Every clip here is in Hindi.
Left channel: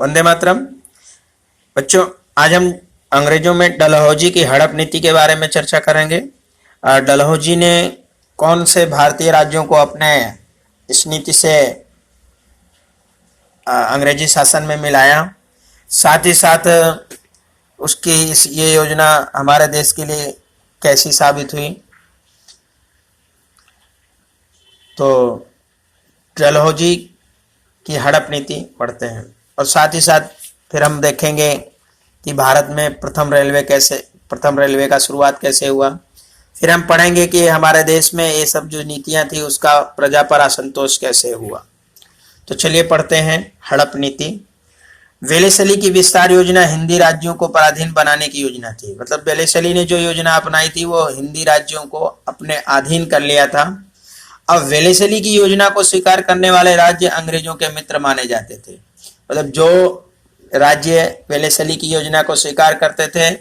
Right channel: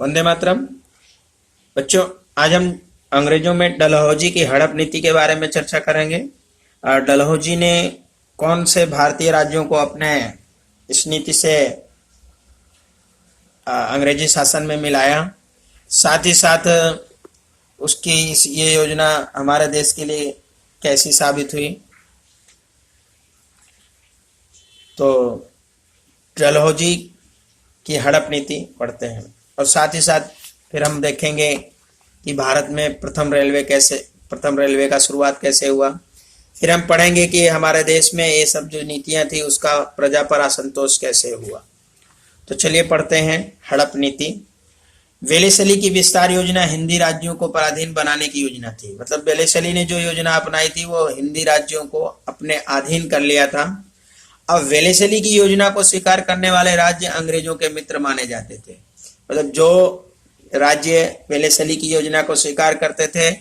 वंदे मातरम। बच्चों, आज हम अंग्रेजों में डलहौजी की हड़प नीति के बारे में चर्चा करेंगे। डलहौजी ने कौन से भारतीय राज्यों को अपने इस नीति से अंग्रेजी शासन में मिलाया, साथ ही साथ उसकी ये योजना हमारे देश के लिए कैसी साबित हुई। तो डलहौजी की हड़प नीति पढ़ते हैं और साथ ही साथ फिर हम देखेंगे कि भारत में प्रथम रेलवे का शुरुआत कैसे हुआ। फिर हम पढ़ेंगे कि हमारे देश में ये सब जो नीतियां थी उसका प्रजा पर असंतोष कैसे हुआ। तो चलिए पढ़ते हैं हड़प नीति। वेलेसली की विस्तार योजना हिंदी राज्यों को पराधीन बनाने की योजना थी। मतलब वेलेसली ने जो योजना अपनाई थी वो हिंदी राज्यों को अपने अधीन कर लिया था। अब वेलेसली की योजना को स्वीकार करने वाले राज्य अंग्रेजों के मित्र माने जाते थे। मतलब जो राज्य वेलेसली की योजना को स्वीकार करते थे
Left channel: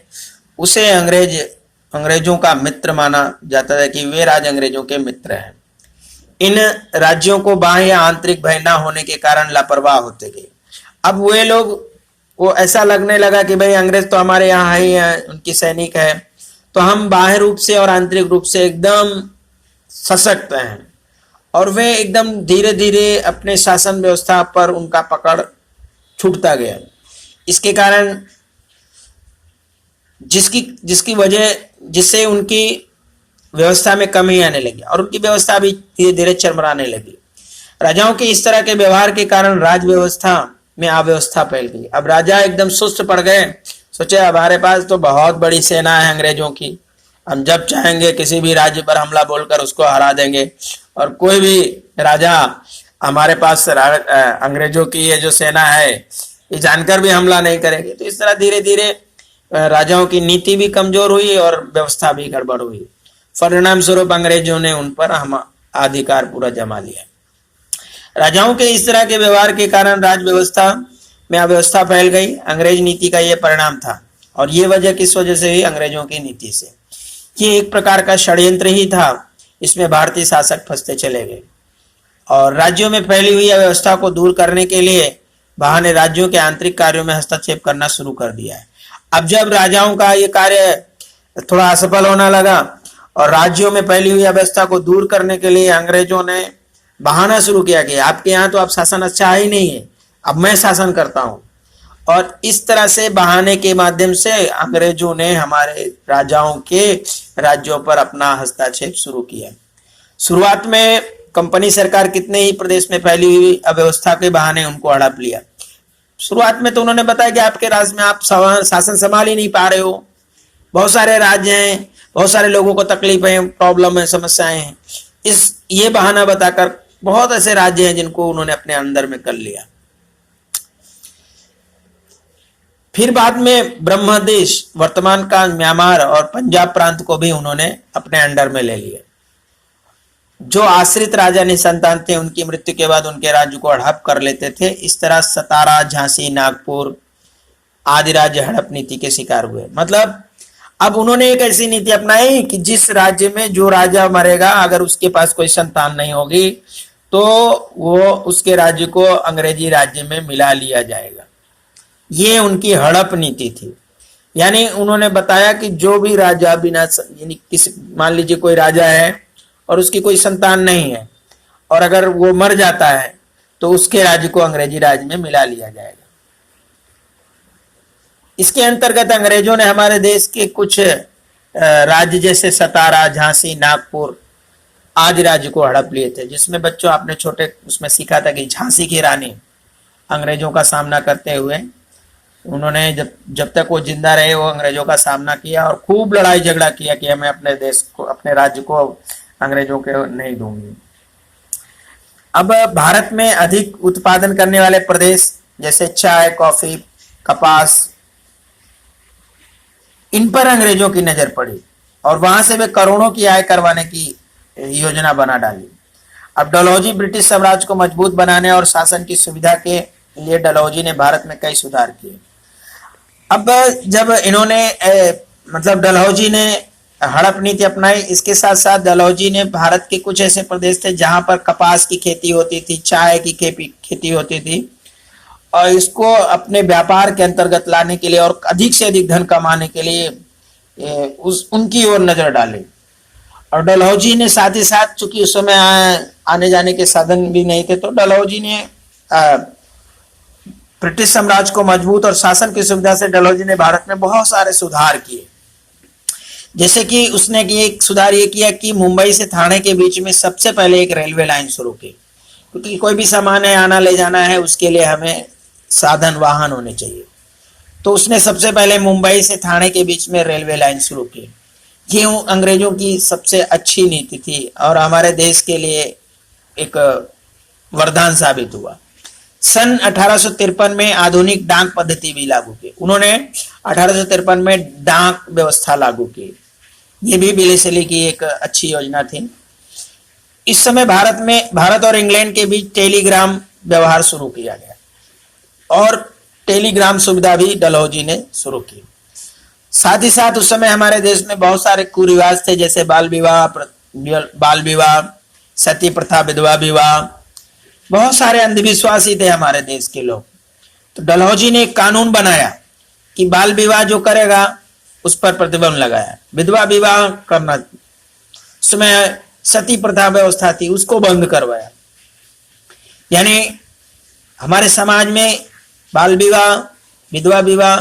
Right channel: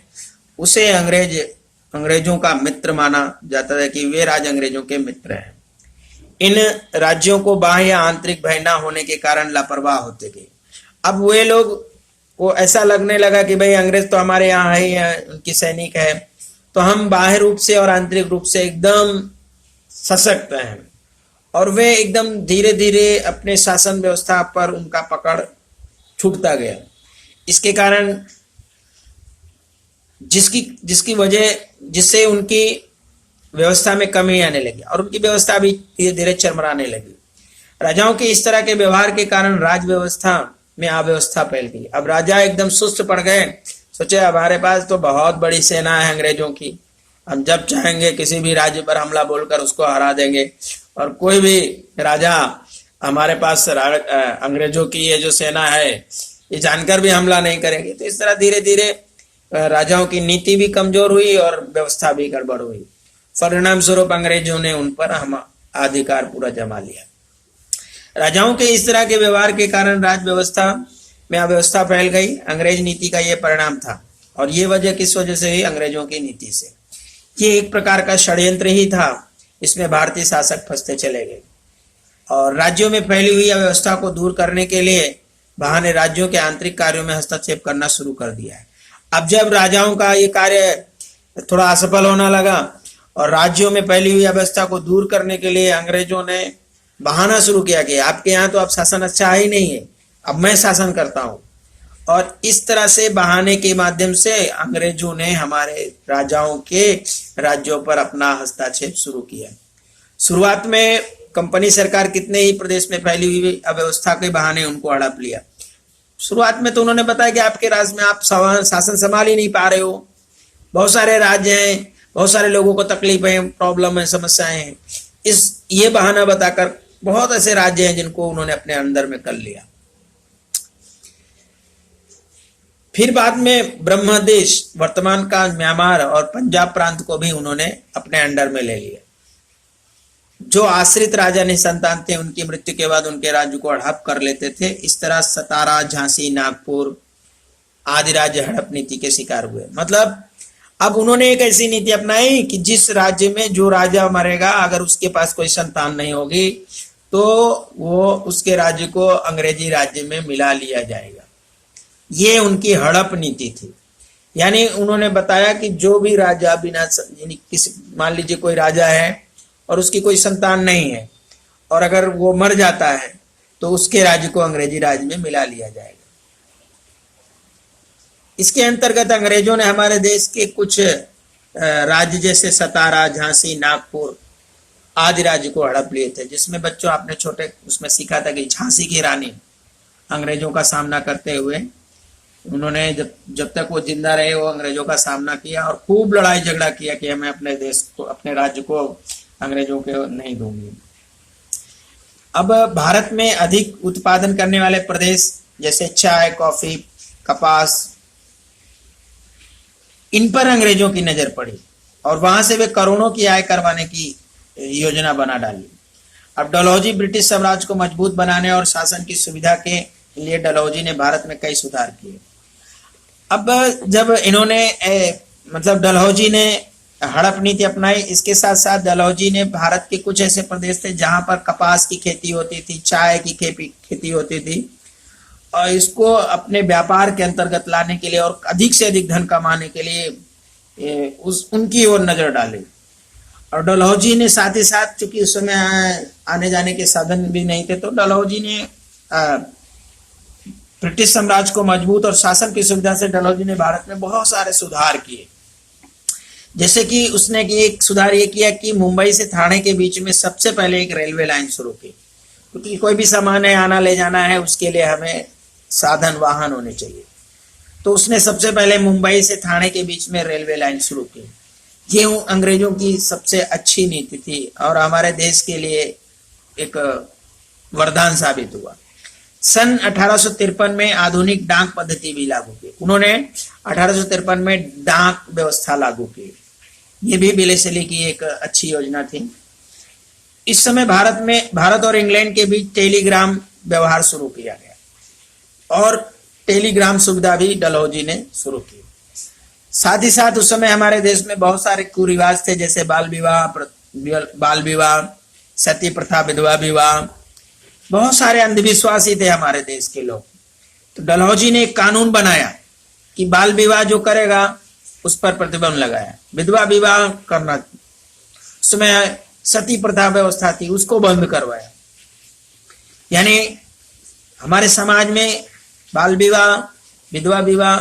उसे अंग्रेजों का मित्र माना जाता था कि वे राज्य अंग्रेजों के मित्र हैं। इन राज्यों को बाह्य या आंतरिक भय न होने के कारण लापरवाह होते गए। अब वे लोग को ऐसा लगने लगा कि भाई अंग्रेज तो हमारे यहाँ है, उनकी सैनिक है, तो हम बाह्य रूप से और आंतरिक रूप से एकदम सशक्त हैं। और वे एकदम धीरे धीरे अपने शासन व्यवस्था पर उनका पकड़ छूटता गया। इसके कारण जिससे उनकी व्यवस्था में कमी आने लगी और उनकी व्यवस्था भी धीरे धीरे चरमराने लगी। राजाओं के इस तरह के व्यवहार के कारण राज व्यवस्था में अव्यवस्था फैल गई। अब राजा एकदम सुस्त पड़ गए। सोचे हमारे पास तो बहुत बड़ी सेना है अंग्रेजों की, हम जब चाहेंगे किसी भी राज्य पर हमला बोलकर उसको हरा देंगे और कोई भी राजा हमारे पास अंग्रेजों की ये जो सेना है ये जानकर भी हमला नहीं करेंगे। तो इस तरह धीरे धीरे राजाओं की नीति भी कमजोर हुई और व्यवस्था भी गड़बड़ हुई। परिणाम स्वरूप अंग्रेजों ने उन पर हम अधिकार पूरा जमा लिया। राजाओं के इस तरह के व्यवहार के कारण राज व्यवस्था में अव्यवस्था फैल गई। अंग्रेज नीति का यह परिणाम था। और ये वजह किस वजह से हुई? अंग्रेजों की नीति से। ये एक प्रकार का षड्यंत्र ही था। इसमें भारतीय शासक फंसते चले गए और राज्यों में फैली हुई अव्यवस्था को दूर करने के लिए बाहर ने राज्यों के आंतरिक कार्यों में हस्तक्षेप करना शुरू कर दिया है। अब जब राजाओं का ये कार्य थोड़ा असफल होने लगा और राज्यों में फैली हुई अव्यवस्था को दूर करने के लिए अंग्रेजों ने बहाना शुरू किया कि आपके यहाँ तो अब शासन अच्छा ही नहीं है, अब मैं शासन करता हूं। और इस तरह से बहाने के माध्यम से अंग्रेजों ने हमारे राजाओं के राज्यों पर अपना हस्तक्षेप शुरू किया। शुरुआत में कंपनी सरकार कितने ही प्रदेश में फैली हुई अव्यवस्था के बहाने उनको हड़प लिया। शुरुआत में तो उन्होंने बताया कि आपके राज्य में आप शासन संभाल ही नहीं पा रहे हो, बहुत सारे राज्य हैं, बहुत सारे लोगों को तकलीफ है, प्रॉब्लम है, समस्याएं हैं। ये बहाना बताकर बहुत ऐसे राज्य हैं जिनको उन्होंने अपने अंदर में कर लिया। फिर बाद में ब्रह्मदेश, वर्तमान का म्यांमार और पंजाब प्रांत को भी उन्होंने अपने अंडर में ले लिया। जो आश्रित राजा निसंतान थे उनकी मृत्यु के बाद उनके राज्य को हड़प कर लेते थे। इस तरह सतारा, झांसी, नागपुर आदि राज्य हड़प नीति के शिकार हुए। मतलब अब उन्होंने एक ऐसी नीति अपनाई कि जिस राज्य में जो राजा मरेगा, अगर उसके पास कोई संतान नहीं होगी तो वो उसके राज्य को अंग्रेजी राज्य में मिला लिया जाएगा। ये उनकी हड़प नीति थी। यानी उन्होंने बताया कि जो भी राजा बिना मान लीजिए कोई राजा है और उसकी कोई संतान नहीं है और अगर वो मर जाता है तो उसके राज्य को अंग्रेजी राज्य में मिला लिया जाएगा। इसके अंतर्गत अंग्रेजों ने हमारे देश के कुछ राज्य जैसे सतारा, झांसी, नागपुर आदि राज्य को हड़प लिए थे। जिसमें बच्चों आपने छोटे उसमें सीखा था कि झांसी की रानी अंग्रेजों का सामना करते हुए उन्होंने जब तक वो जिंदा रहे वो अंग्रेजों का सामना किया और खूब लड़ाई झगड़ा किया कि मैं अपने देश को, अपने राज्य को अंग्रेजों के नहीं दूंगी। अब भारत में अधिक उत्पादन करने वाले प्रदेश जैसे चाय, कॉफी, कपास, इन पर अंग्रेजों की नजर पड़ी और वहां से वे करोड़ों की आय करवाने की योजना बना डाली। अब डलहौजी ब्रिटिश साम्राज्य को मजबूत बनाने और शासन की सुविधा के लिए डलहौजी ने भारत में कई सुधार किए। अब जब इन्होंने मतलब डलहौजी ने हड़प नीति अपनाई, इसके साथ साथ डलहौजी ने भारत के कुछ ऐसे प्रदेश थे जहां पर कपास की खेती होती थी, चाय की खेती होती थी और इसको अपने व्यापार के अंतर्गत लाने के लिए और अधिक से अधिक धन कमाने के लिए उनकी ओर नजर डाली। और डलहौजी ने साथ ही साथ, चूंकि उस समय आने जाने के साधन भी नहीं थे, तो डलहौजी ने ब्रिटिश साम्राज्य को मजबूत और शासन की सुविधा से डलहौजी ने भारत में बहुत सारे सुधार किए। जैसे कि उसने एक सुधार ये किया कि मुंबई से ठाणे के बीच में सबसे पहले एक रेलवे लाइन शुरू की, क्योंकि कोई भी सामान है आना ले जाना है, उसके लिए हमें साधन वाहन होने चाहिए। तो उसने सबसे पहले मुंबई से ठाणे के बीच में रेलवे लाइन शुरू की। ये अंग्रेजों की सबसे अच्छी नीति थी और हमारे देश के लिए एक वरदान साबित हुआ। सन 1853 में आधुनिक डाक पद्धति भी लागू की। उन्होंने 1853 में डाक व्यवस्था लागू की। ये भी विलेस्ली की एक अच्छी योजना थी। इस समय भारत और इंग्लैंड के बीच टेलीग्राम व्यवहार शुरू किया गया और टेलीग्राम सुविधा भी डलहौजी ने शुरू की। साथ ही साथ उस समय हमारे देश में बहुत सारे कुरिवाज थे, जैसे बाल विवाह, सती प्रथा, विधवा विवाह, बहुत सारे अंधविश्वासी थे हमारे देश के लोग। तो डलहौजी ने एक कानून बनाया कि बाल विवाह जो करेगा उस पर प्रतिबंध लगाया। विधवा विवाह करना, उसमें सती प्रथा व्यवस्था थी, उसको बंद करवाया। यानी हमारे समाज में बाल विवाह, विधवा विवाह,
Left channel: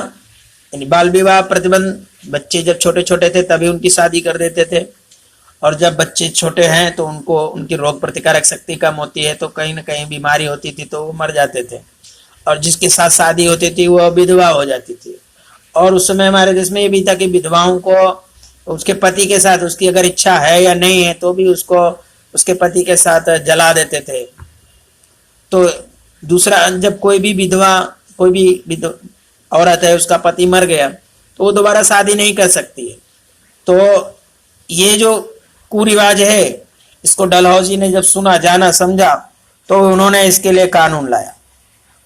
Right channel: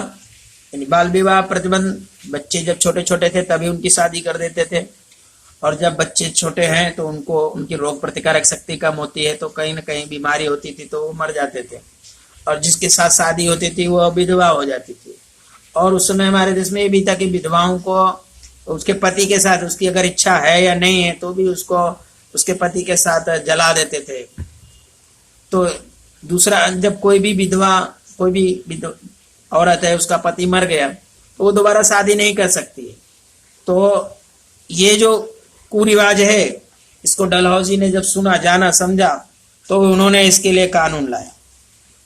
यानी बाल विवाह प्रतिबंध, बच्चे जब छोटे छोटे थे तभी उनकी शादी कर देते थे, और जब बच्चे छोटे हैं तो उनकी रोग प्रतिकारक शक्ति कम होती है, तो कहीं ना कहीं बीमारी होती थी तो वो मर जाते थे, और जिसके साथ शादी होती थी वो विधवा हो जाती थी। और उस समय हमारे देश में ये भी था कि विधवाओं को उसके पति के साथ, उसकी अगर इच्छा है या नहीं है तो भी उसको उसके पति के साथ जला देते थे। तो दूसरा, जब कोई भी औरत है, उसका पति मर गया तो वो दोबारा शादी नहीं कर सकती है। तो ये जो कुरिवाज है, इसको डलहौजी ने जब सुना, जाना, समझा, तो उन्होंने इसके लिए कानून लाया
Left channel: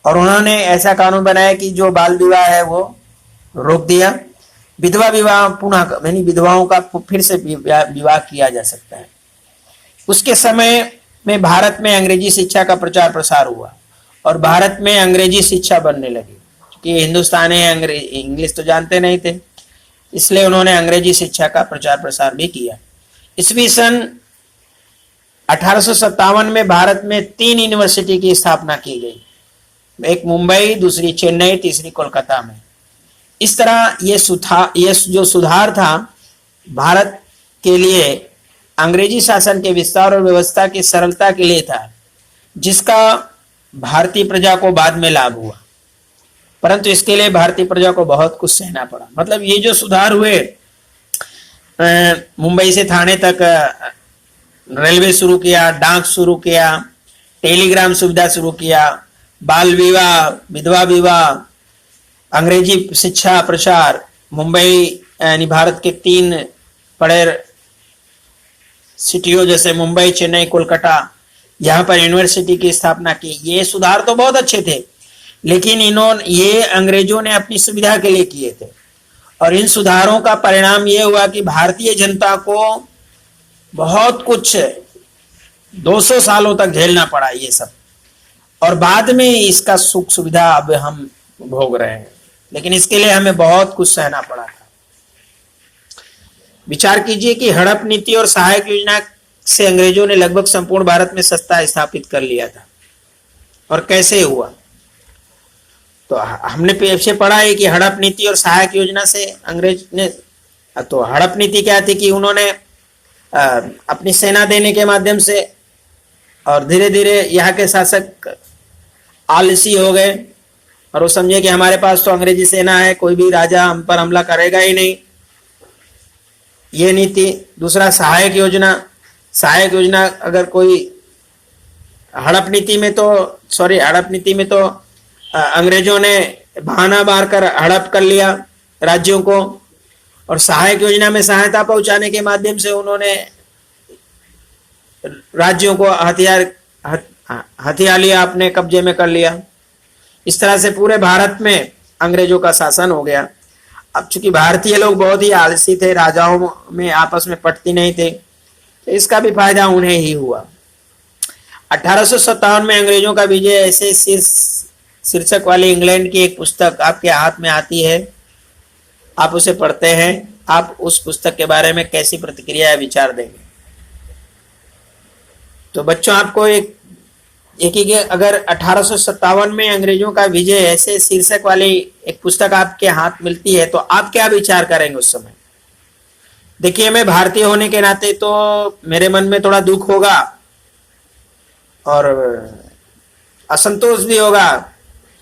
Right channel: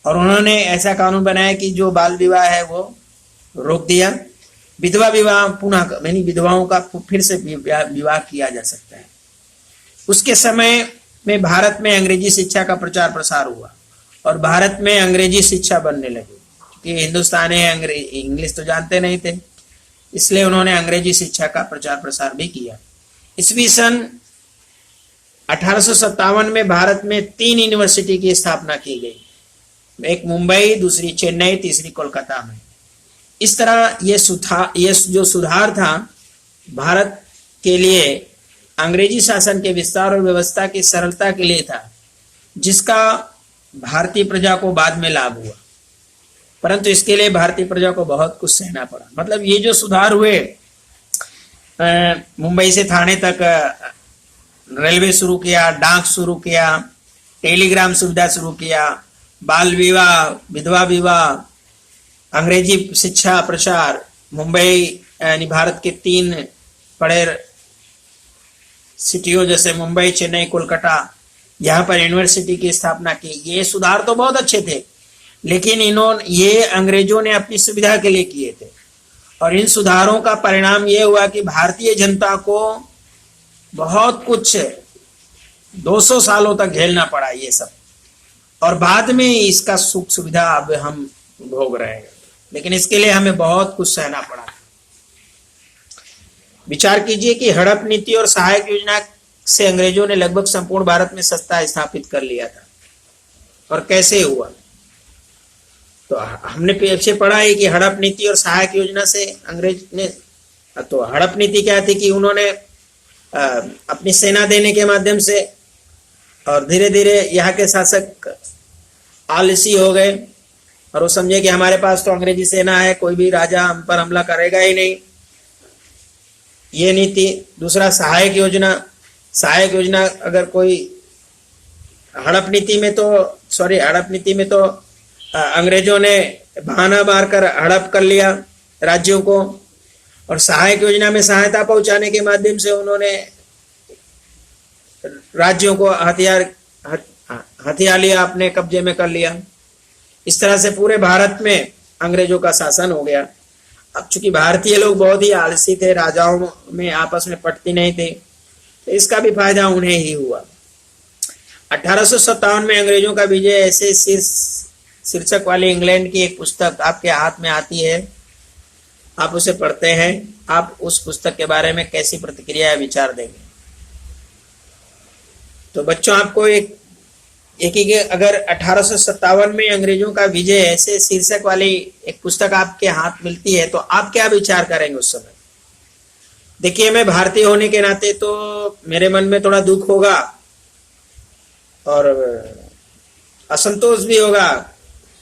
और उन्होंने ऐसा कानून बनाया कि जो बाल विवाह है वो रोक दिया। विधवा विवाह पुनः, यानी विधवाओं का फिर से विवाह किया जा सकता है। उसके समय में भारत में अंग्रेजी शिक्षा का प्रचार प्रसार हुआ और भारत में अंग्रेजी शिक्षा बनने लगी, कि हिंदुस्तानी इंग्लिश तो जानते नहीं थे, इसलिए उन्होंने अंग्रेजी शिक्षा का प्रचार प्रसार भी किया। ईस्वी सन 1857 में भारत में 3 यूनिवर्सिटी की स्थापना की गई, एक मुंबई, दूसरी चेन्नई, तीसरी कोलकाता में। इस तरह ये जो सुधार था भारत के लिए अंग्रेजी शासन के विस्तार और व्यवस्था की सरलता के लिए था, जिसका भारतीय प्रजा को बाद में लाभ हुआ, परंतु इसके लिए भारतीय प्रजा को बहुत कुछ सहना पड़ा। मतलब ये जो सुधार हुए, मुंबई से ठाणे तक रेलवे शुरू किया, डाक शुरू किया, टेलीग्राम सुविधा शुरू किया, बाल विवाह, विधवा विवाह, अंग्रेजी शिक्षा प्रचार, मुंबई यानी भारत के 3 बड़े सिटियों जैसे मुंबई, चेन्नई, कोलकाता, यहाँ पर यूनिवर्सिटी की स्थापना की। ये सुधार तो बहुत अच्छे थे, लेकिन ये अंग्रेजों ने अपनी सुविधा के लिए किए थे, और इन सुधारों का परिणाम ये हुआ कि भारतीय जनता को बहुत कुछ 200 सालों तक झेलना पड़ा ये सब, और बाद में इसका सुख सुविधा अब हम भोग रहे हैं, लेकिन इसके लिए हमें बहुत कुछ सहना पड़ा था। विचार कीजिए कि हड़प नीति और सहायक योजना से अंग्रेजों ने लगभग संपूर्ण भारत में सत्ता स्थापित कर लिया था। और कैसे हुआ? तो हमने पीछे पढ़ा है कि हड़प नीति और सहायक योजना से अंग्रेज ने, तो हड़प नीति क्या थी कि उन्होंने अपनी सेना देने के माध्यम से, और धीरे धीरे यहाँ के शासक आलसी हो गए और वो समझे कि हमारे पास तो अंग्रेजी सेना है, कोई भी राजा हम पर हमला करेगा ही नहीं, ये नीति। दूसरा, सहायक योजना अगर कोई हड़प नीति में तो अंग्रेजों ने बहाना मारकर हड़प कर लिया राज्यों को, और सहायक योजना में सहायता पहुंचाने के माध्यम से उन्होंने राज्यों को हथियार लिया, अपने कब्जे में कर लिया। इस तरह से पूरे भारत में अंग्रेजों का शासन हो गया। अब चूंकि भारतीय लोग बहुत ही आलसी थे, राजाओं में आपस में पटती नहीं थे, तो इसका भी फायदा उन्हें ही हुआ। 1857 में अंग्रेजों का विजय ऐसे शीर्षक वाली इंग्लैंड की एक पुस्तक आपके हाथ में आती है, आप उसे पढ़ते हैं, आप उस पुस्तक के बारे में कैसी प्रतिक्रिया या विचार देंगे? तो बच्चों, आपको एक अगर 1857 में अंग्रेजों का विजय ऐसे शीर्षक वाली एक पुस्तक आपके हाथ मिलती है तो आप क्या विचार करेंगे उस समय? देखिए, मैं भारतीय होने के नाते तो मेरे मन में थोड़ा दुख होगा और असंतोष भी होगा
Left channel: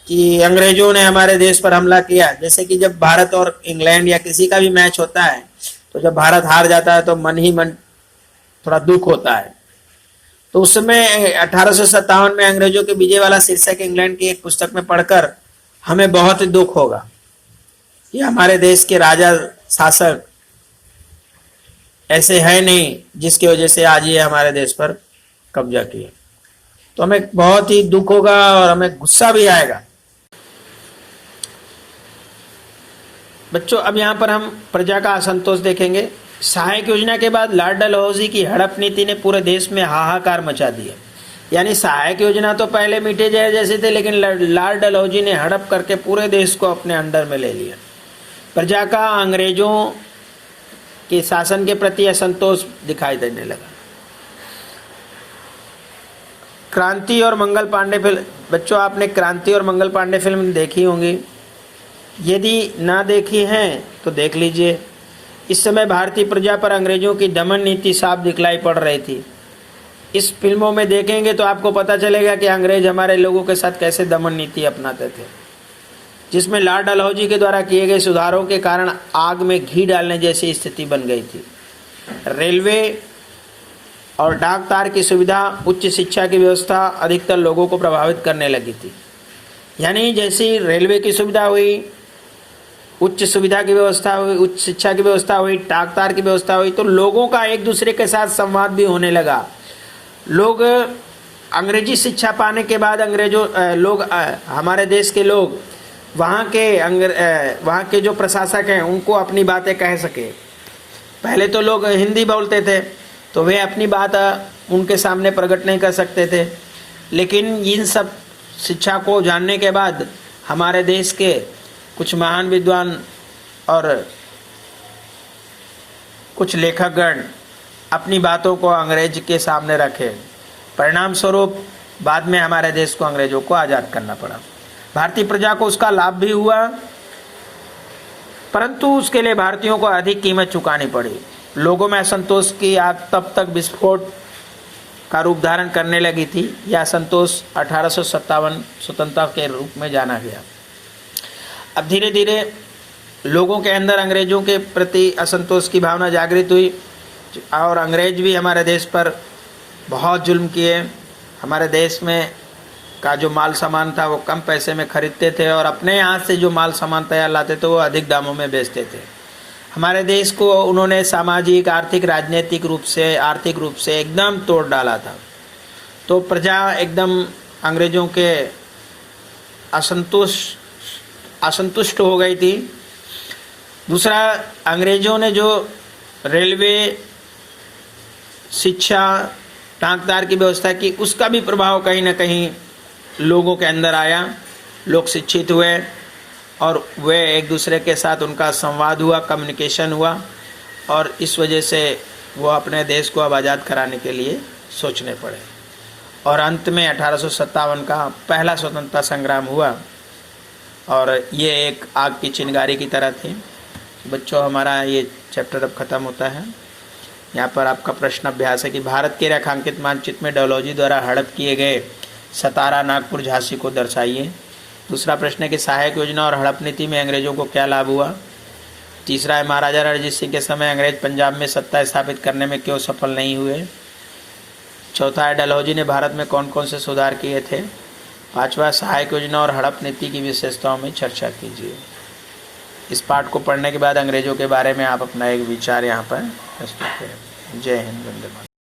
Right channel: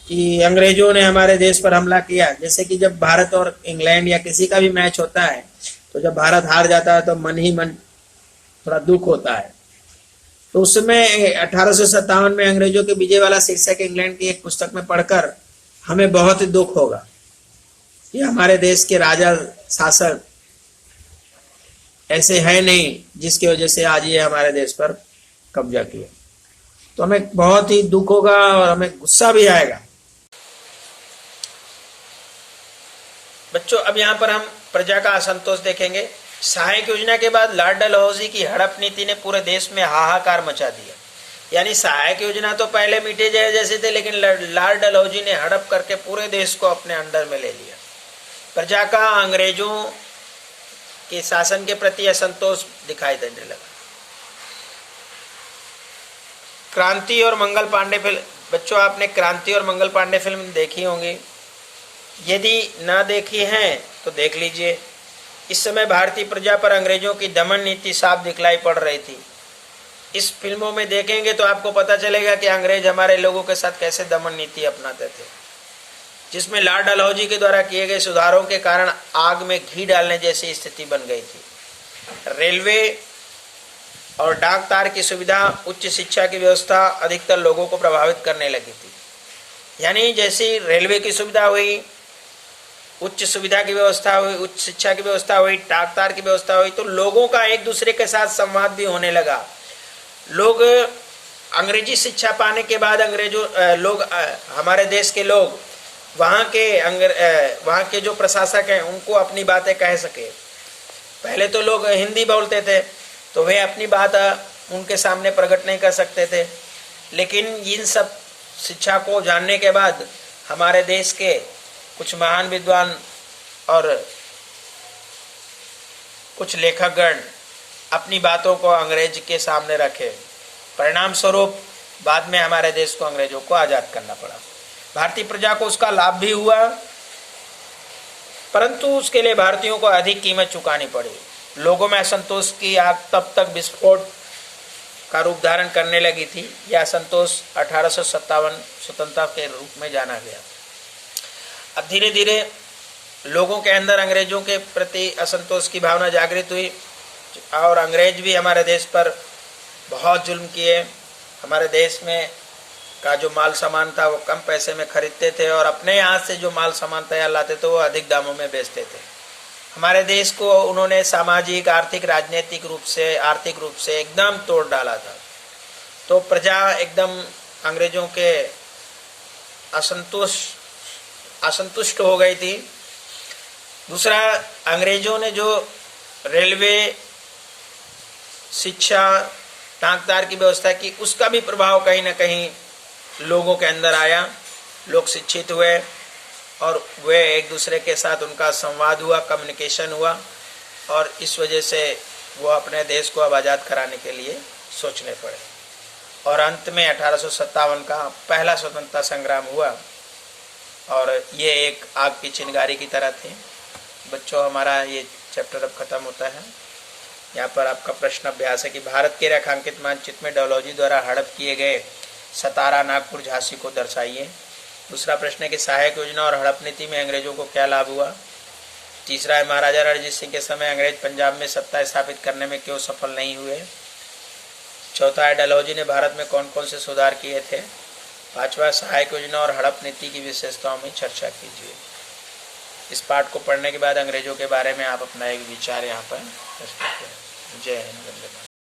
कि अंग्रेजों ने हमारे देश पर हमला किया। जैसे कि जब भारत और इंग्लैंड या किसी का भी मैच होता है तो जब भारत हार जाता है तो मन ही मन थोड़ा दुख होता है। तो उस समय 1857 में अंग्रेजों के विजय वाला शीर्षक इंग्लैंड की एक पुस्तक में पढ़कर हमें बहुत ही दुख होगा कि हमारे देश के राजा शासक ऐसे है नहीं जिसकी वजह से आज ये हमारे देश पर कब्जा किया। तो हमें बहुत ही दुख होगा और हमें गुस्सा भी आएगा। बच्चों, अब यहाँ पर हम प्रजा का असंतोष देखेंगे। सहायक योजना के बाद लॉर्ड डलहौजी की हड़प नीति ने पूरे देश में हाहाकार मचा दिया। यानी सहायक योजना तो पहले मीठे जय जैसे थे, लेकिन लॉर्ड डलहौजी ने हड़प करके पूरे देश को अपने अंडर में ले लिया। प्रजा का अंग्रेजों के शासन के प्रति असंतोष दिखाई देने लगा। क्रांति और मंगल पांडे फिल्म, बच्चों आपने क्रांति और मंगल पांडे फिल्म देखी होंगी, यदि ना देखी है तो देख लीजिए। इस समय भारतीय प्रजा पर अंग्रेजों की दमन नीति साफ दिखलाई पड़ रही थी। इस फिल्मों में देखेंगे तो आपको पता चलेगा कि अंग्रेज हमारे लोगों के साथ कैसे दमन नीति अपनाते थे, जिसमें लॉर्ड डलहौजी के द्वारा किए गए सुधारों के कारण आग में घी डालने जैसी स्थिति बन गई थी। रेलवे और डाक तार की सुविधा, उच्च शिक्षा की व्यवस्था अधिकतर लोगों को प्रभावित करने लगी थी। यानी जैसी रेलवे की सुविधा हुई, उच्च सुविधा की व्यवस्था हुई, उच्च शिक्षा की व्यवस्था हुई, डाक तार की व्यवस्था हुई, तो लोगों का एक दूसरे के साथ संवाद भी होने लगा। लोग अंग्रेजी शिक्षा पाने के बाद हमारे देश के लोग वहाँ के जो प्रशासक हैं उनको अपनी बातें कह सके। पहले तो लोग हिंदी बोलते थे तो वे अपनी बात उनके सामने प्रकट नहीं कर सकते थे, लेकिन इन सब शिक्षा को जानने के बाद हमारे देश के कुछ महान विद्वान और कुछ लेखकगण अपनी बातों को अंग्रेज के सामने रखे। परिणाम स्वरूप बाद में हमारे देश को अंग्रेजों को आज़ाद करना पड़ा। भारतीय प्रजा को उसका लाभ भी हुआ, परंतु उसके लिए भारतीयों को अधिक कीमत चुकानी पड़ी। लोगों में असंतोष की आग तब तक विस्फोट का रूप धारण करने लगी थी। यह असंतोष 1857 स्वतंत्रता के रूप में जाना गया। अब धीरे धीरे लोगों के अंदर अंग्रेजों के प्रति असंतोष की भावना जागृत हुई और अंग्रेज भी हमारे देश पर बहुत जुल्म किए। हमारे देश में का जो माल सामान था वो कम पैसे में खरीदते थे और अपने यहाँ से जो माल सामान तैयार लाते थे वो अधिक दामों में बेचते थे। हमारे देश को उन्होंने सामाजिक, आर्थिक, राजनीतिक रूप से, आर्थिक रूप से एकदम तोड़ डाला था। तो प्रजा एकदम अंग्रेजों के असंतुष्ट हो गई थी। दूसरा, अंग्रेजों ने जो रेलवे, शिक्षा, डाकतार की व्यवस्था की, उसका भी प्रभाव कहीं ना कहीं लोगों के अंदर आया। लोग शिक्षित हुए और वे एक दूसरे के साथ उनका संवाद हुआ, कम्युनिकेशन हुआ और इस वजह से वो अपने देश को अब आज़ाद कराने के लिए सोचने पड़े। और अंत में 1857 का पहला स्वतंत्रता संग्राम हुआ और ये एक आग की चिंगारी की तरह थी। बच्चों, हमारा ये चैप्टर अब ख़त्म होता है। यहाँ पर आपका प्रश्न अभ्यास है कि भारत के रेखांकित मानचित्र में डलहौजी द्वारा हड़प किए गए सतारा, नागपुर, झांसी को दर्शाइए। दूसरा प्रश्न है कि सहायक योजना और हड़प नीति में अंग्रेजों को क्या लाभ हुआ। तीसरा है महाराजा रणजीत सिंह के समय अंग्रेज पंजाब में सत्ता स्थापित करने में क्यों सफल नहीं हुए। चौथा है डलहौजी ने भारत में कौन कौन से सुधार किए थे। पांचवा, सहायक योजना और हड़प नीति की विशेषताओं में चर्चा कीजिए। इस पाठ को पढ़ने के बाद अंग्रेजों के बारे में आप अपना एक विचार यहाँ पर प्रस्तुत करें। जय हिंद, वंदे मातरम।